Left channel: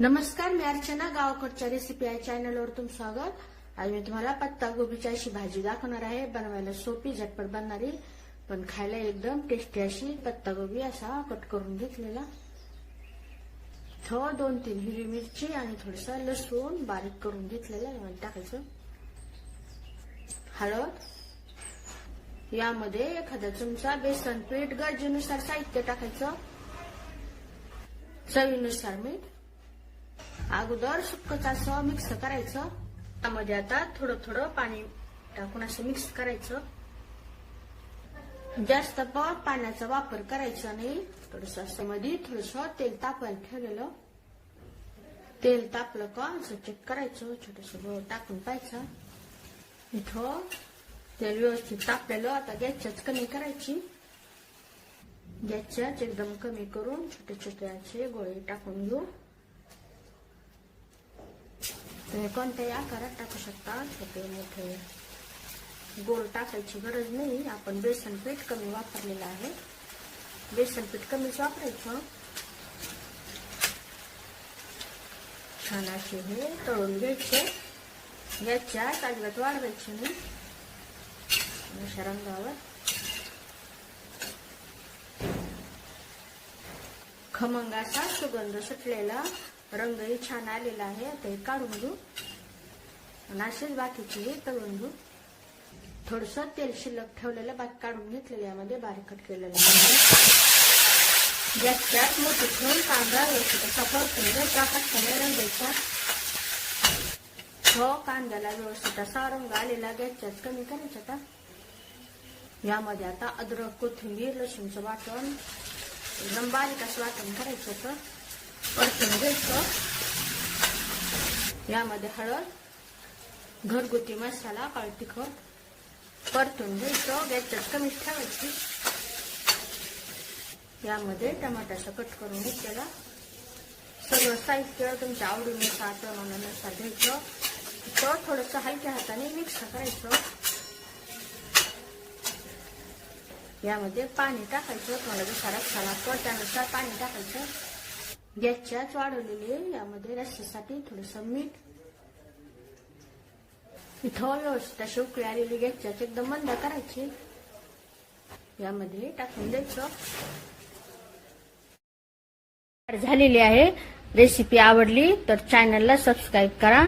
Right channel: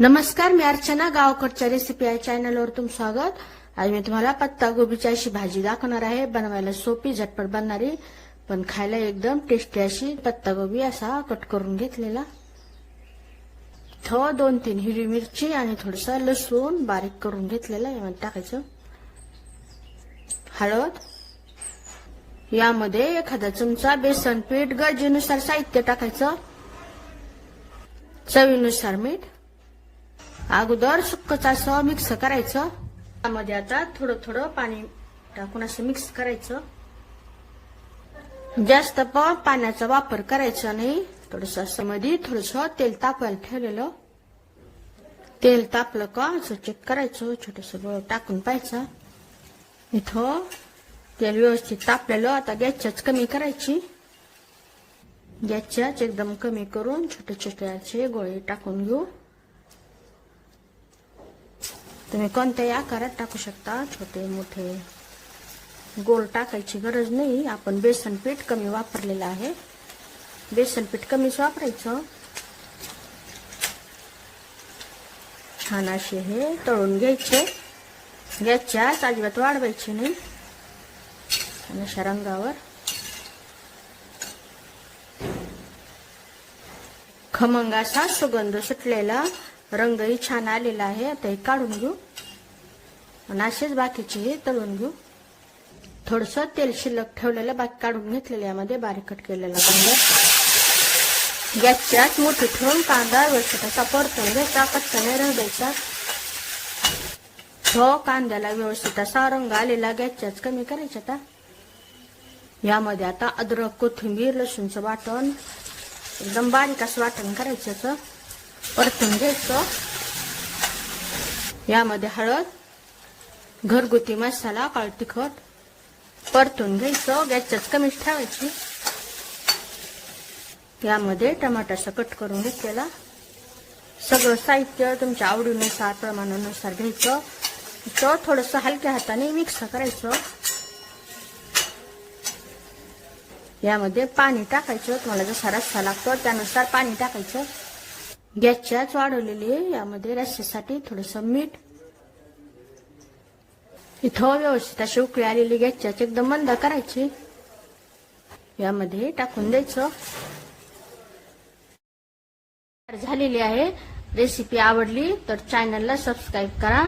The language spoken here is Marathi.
नमस्कार, मी अर्चना. गावकडच्या रेसिपी या चॅनलवर तुमचं स्वागत. आज मी तुम्हाला पत्ता गोबीची अशी भाजी दाखवणार आहे. बनवायला सोपी, झटपट बनणारी, पण खायला एकदम टेस्टी अशी पत्ता गोबी असा कट करून घेतलेला. थोडं 2-3 हिरवी मिरची आणि थोडस लसूण बारीक करून घेतलेला यामध्ये टाकायचं. हळद, यामध्ये एखादा चमचा बेसन पीठ, गरजेनुसार साहित्य टाकायचं. चवीनुसार मीठ. अगोदर सुक्कच असं मिक्स करायचं. त्यामध्ये आता थोडं थोडं पाणी टाकून असं मिक्स करायचं. जास्त पण पाण्याचा वापर करायचा नाही. थोडस असं मध्ये थोडस तेल तापायला ठेवलेलं. तेल तापलं का असं चेक करायचं. छोटस बळ टाकून पाहायचं. इथं तेल व्यवस्थित तापलेलं. आता गॅसच कमी करायची. गॅसच एकदम कमी करून छोटे छोटे असे गोळे टाकून घेऊ. तुम्ही कोणत्याही आकारात टाकू शकता. छोटे मोठे गोल टाकायची गरज नाही. आपण बेसन पीठ कमी वापरलेलं आहे. बेसन पीठ कमीच वापरायचं. छान असे हे तळून घ्यायचे. गॅसच्या अजिबात वाढवायचे नाही. अशा रंगावर खमंग असा सुगंध सुटलेला, रंगही छान आलेला आहे. आता हे काढून घेऊ आणि असेच बाकीचे तळून घेऊ. थोडस तेल शिल्लक ठेवलेलं बाकी काढून घेतलेलं. यामध्ये बारीक कट केलेला कांदा. गॅसच्या मोठी ठेवून कांदा व्यवस्थित असा परतून घ्यायचा. कच्चा नाही राहू द्यायचा. हो, कांद्याला व्यवस्थित असा रंग आलेला. गॅसच्याच कमी करायचा. आता यामध्ये आता अद्रक, कोथिंबीर, लसूणचं वाटण एकदम बारीक असं वाटण करायचं. परतून घ्यायचं. यामध्ये हळद, घरगुती मसाला, काळं तिखट परतून घ्यायचं. गॅसच कमीच ठेवायची. यामध्ये टमाटाचा कट करून घेतलेला. सगळं साहित्य तुमच्या आवडीनुसार, प्रमाणानुसार घ्यायचं. थोडस हलक्या हाताने मिक्स करायचं. यामध्ये पाणी टाकायचं. तुम्हाला जसा रस्सा लागतो त्यानुसार पाणी टाकायचं. गॅसच्याच वाढवलेली आहे. यामध्ये रस्स्यासाठी थोडस मीठ. इथं व्यवस्थित अशी उकळी आलेली गॅसच्याच एकदम मंद करायची. यामध्ये टाकून द्यायचं. झालेली आहे. रेसिपी आवडली तर चॅनलला सबस्क्राईब करा.